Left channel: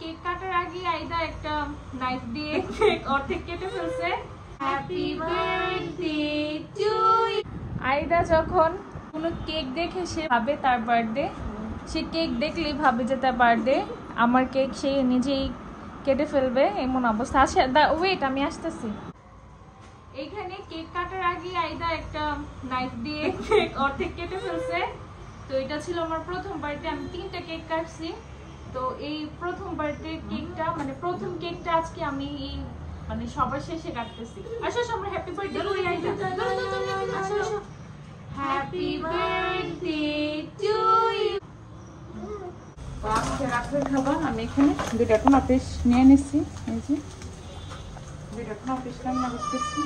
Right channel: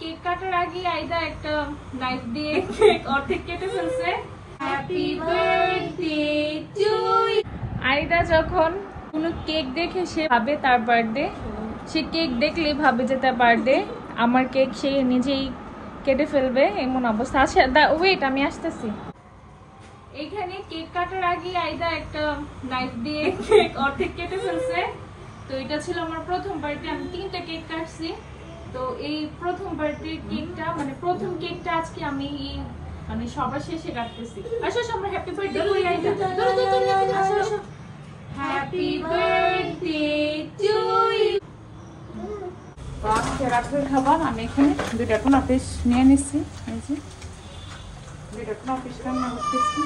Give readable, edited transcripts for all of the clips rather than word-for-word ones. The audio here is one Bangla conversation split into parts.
কেক কাটার আগে আইদা একটা নাইফ দিয়ে কেক অর্ধেক কেটে ফেলছে। Happy birthday to you. আইদা যখন কোনো কেক দেখে সে ভাবে তার বার্থডে, সে কেক দেখলেই ভাবে যে তার বার্থডে। আমার কেক সে নিজেই কেটে ফেলবে এমন অবস্থা। আচ্ছা ওয়েট, আমি আসতেছি। এইখানে কেক কাটার আগে আইদা একটা নাইফ দিয়ে কেক অর্ধেক কেটে ফেলছে। তো এটা ছিল আমার প্রথম বার্থডে, আমি 3টা কেক কাটছি। তো এই প্রথম বার্থডে কেকটা মানে প্রথম কেকটা আজকে আমি মানে সবার শেষে কাটতেছি। আসো আমরা হ্যাপি বার্থডে করি আইদা। আসো হ্যাপি বার্থডে টু ইউ। আজকে রাত্রের খাবার আমি এখানে 2টা টুনা পিস নিয়ে নিচ্ছি। 2টা টুনা পিস রান্না করতেছি।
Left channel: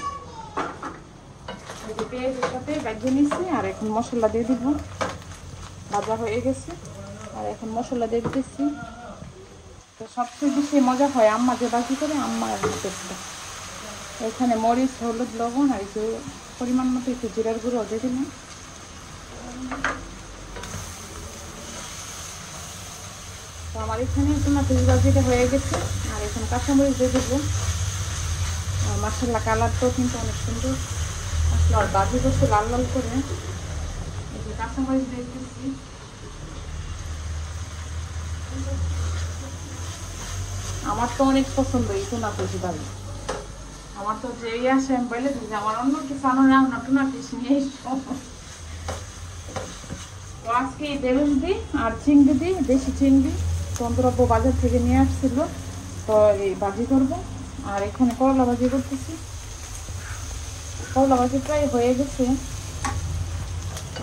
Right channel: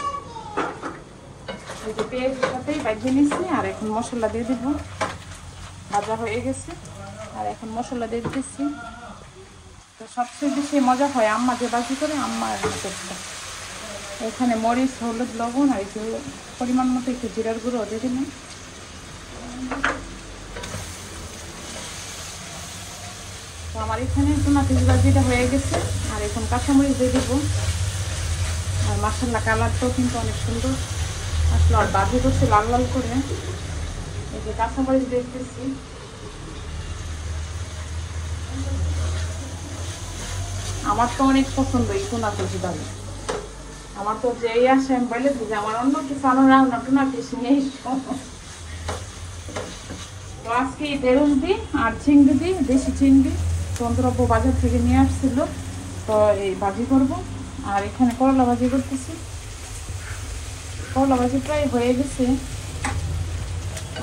এই যে পেঁয়াজের সাথে ভাজিয়ে নিচ্ছি আর এখন মশলা দিয়ে দিব। ভাজা হয়ে গেছে আর এখন মশলা দিয়ে দিচ্ছি। তো সবচেয়ে বেশি মজা হয় আম্মা যে বাজি করে আম্মা রাখতেছি। এখানে মরিচ, হলুদ, লবণ আর একটু পরিমাণ মতো একটু জিরার গুঁড়ো দিয়ে দিন। তো আমার এখানে টুনা পিস ভাজিটা হয়ে গেছে আর এখন কাঁচামরিচ দিয়ে দেবো। মশলা কালারটাও কিন্তু অনেক সুন্দর। মশলা ভাজি করছে লাল লাল করে। এই যে কাঁচামরিচ দিয়ে দিচ্ছি। আমার তো অনেক পছন্দ এই টুনা পিস ডালে। আমার তো যেই আসে আমি বলে যে আমার অন্য কিছু আনো রান্না টুনা পিস নিয়ে তো আজকে বেগুন দিই আর চিংড়ি দিই, দেশি চিংড়ি চন্দ্রব্য বাজার থেকে নিয়ে আসছিল। তো এই ভাজি করবো আর এখানে করলা ভাজি করতেছি। করলা ভাজি প্রায় হয়ে গেছে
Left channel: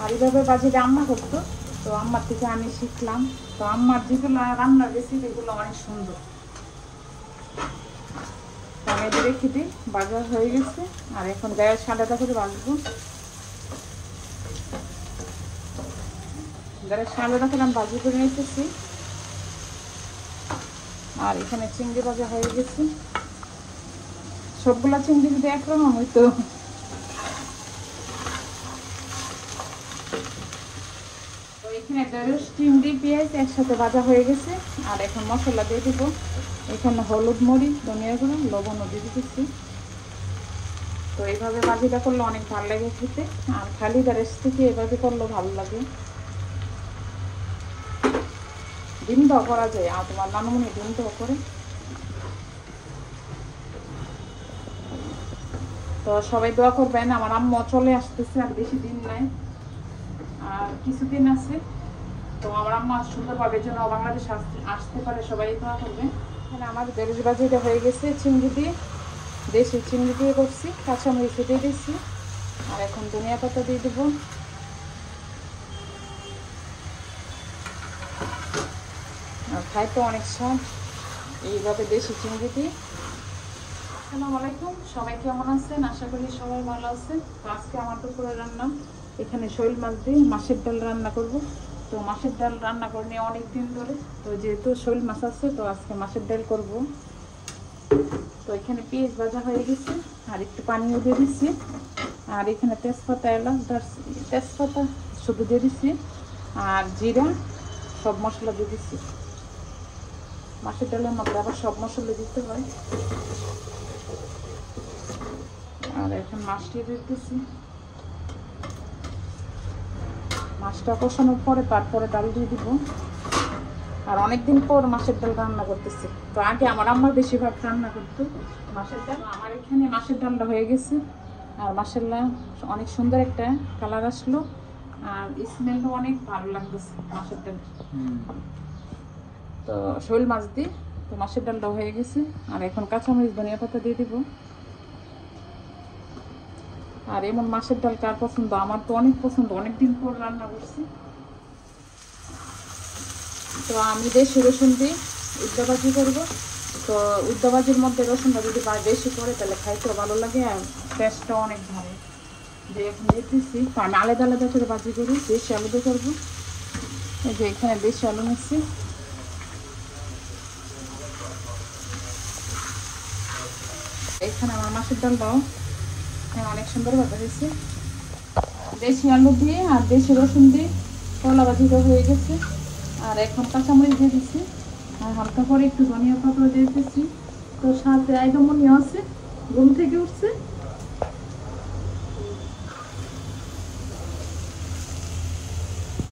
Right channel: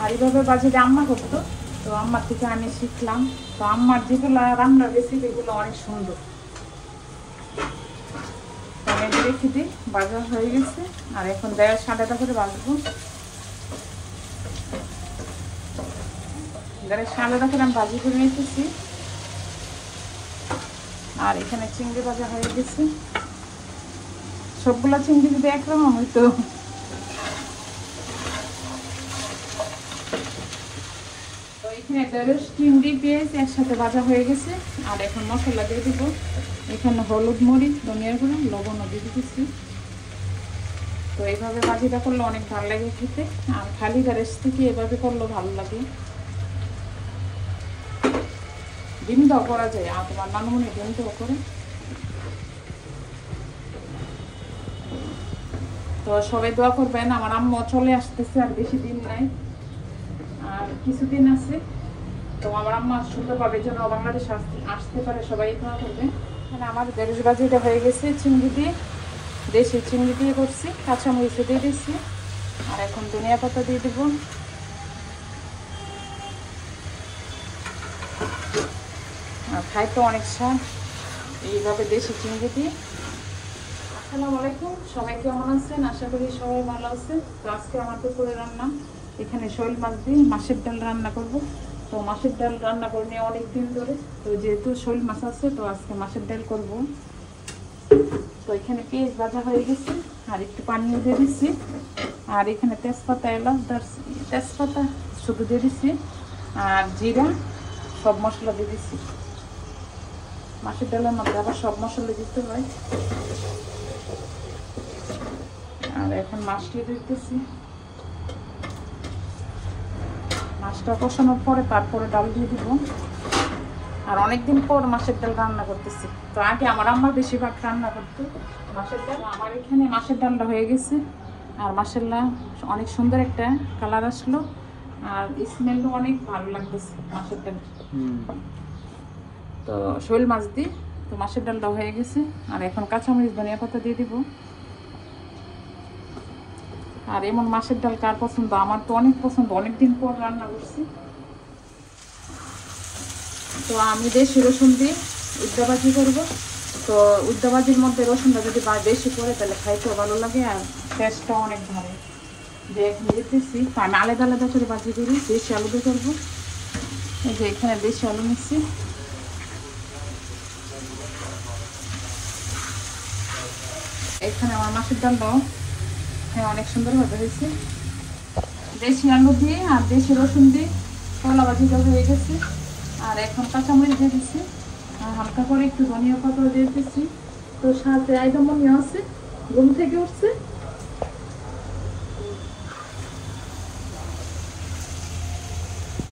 আর এইভাবে ভাজিটা আম্মা করতো। তো আম্মার থেকে আমি শিখলাম। তো আম্মার যেগুলো রান্নার রেসিপি এগুলো অনেক সুন্দর। রেখে দিই, বাজার হয়ে গেছে আর এখন 1.5-1.5 করে বাজবো। 1.5-1.5 করে আমি বাজি করে রেখেছি আর এখানে চিংড়ি ভাজা হয়ে গেছে। সবগুলো চিংড়ি যদি একরকম হইতো। তো এখানে ঢেঁড়স, চিংড়ি, পেঁয়াজ একসাথে ভাজা হয়ে গেছে আর এখন মশলা দিয়ে দিব। এখানে হলুদ, মরিচ, ধনিয়ার গুঁড়ো, লবণও দিয়ে দিতেছি। তো এইভাবে ভাজিটা করলে অনেক ভালো লাগে খেতে আর খালি ঢেঁড়স থেকে এভাবে করলে ভালো লাগে। ডিম দাও করা যায় আর তোমার নানুমনি ডিম দাও করে। তো সবাই দোয়া করবেন, আমার আম্মু চলে আসতেছে আর বেশি দিন নাই আর কিছুদিন আছে। তো আমার আম্মা সুন্দরভাবে যেন বাংলাদেশ আসতে পারে, সবাই দোয়া করবেন। আমার ঢেঁড়স ভাজিটা হয়ে গেছে চিংড়ি দিয়ে, দেশি চিংড়ি দিয়ে করছি, কাঁচামরিচ দিয়ে দিচ্ছি আর এখন ধনিয়া পাতা দিয়ে দিব। আর খাইতে অনেক স্বাদ এইভাবে দেশি চিংড়ি দিয়ে। আসসালামু আলাইকুম, সবাই কেমন আছেন? আশা করি সবাই ভালো আছে। তো আজকে আমার দুপুরে রান্না এখানে শোল মাছ দিয়ে মাছের ডাল রান্না করব। তো মাছের ডাল রান্না করে নিয়ে অনেকদিন ধরে, তো যেহেতু শোল মাছ আছে তো আজকে মাছের ডাল করব। তো এখানে পেঁয়াজ ভাজা হয়ে গেছে আর একটু পানিও দিয়ে দিচ্ছি আর এখানে তেজপাতা, এলাচ, তেজপাতা শুধু দিয়ে দিচ্ছি আর জিরা, সব মশলা দিয়ে দিচ্ছি। মাছের ডালের মধ্যে আবার সব মশলা দিতে হয়। আর এখন মাছটা দিতেছি। মাছটা কষানোর পরে তারপরে ডাল দিয়ে দিব। আর অনেকদিন পর মাছের ডাল রান্না করতেছি। তো আগে আমার আম্মা বেশিরভাগ রান্না করতো মাছের ডাল। আমার এখানে মাছের ডালটা হয়ে গেছে আর মাশাআল্লাহ অনেক সুন্দর একটা কালার আসলো আর স্মেলও অনেক ভালো লাগতেছে মাছের ডাল। তো শোল মাছ দিই। তো মাছের ডালটা হয়ে গেছে আর এখন কাঁচামরিচ, ধনিয়া পাতা দিয়ে দিব। আর এমন মাছের ডাল কার পছন্দ? আমার তো অনেক পছন্দ, অনেকদিন পর রান্না করছি। তো আমি দেশি রসুন দিয়ে উদ্দাবাজি করবো। তো উদ্দাবাজির মধ্যে রসুনটা যদি বেশি পড়ে তাহলে খাইতেও ভালো লাগে আর টেস্টটাও অনেক ভালো। যে এখন দিতেছি আমি আলাদা আলাদা করে বাজি করি, দেশি আলু দিয়ে করবো। যে এখানে দেশি আলু নিচ্ছি। এখানে আমার মাছের ডালটাও অনেক সুন্দরভাবে হয়েছে। দেশি আলু দিয়ে আর দেশি রসুন দিয়ে কলা ভাজিটা হয়ে গেছে আর এখন কাঁচামরিচ দিয়ে দিচ্ছি। এখন তারপরে একটু ধনিয়া পাতা দিতেছি। তো সাথে আইডামনি আছে, ঘুম থেকে উঠছে।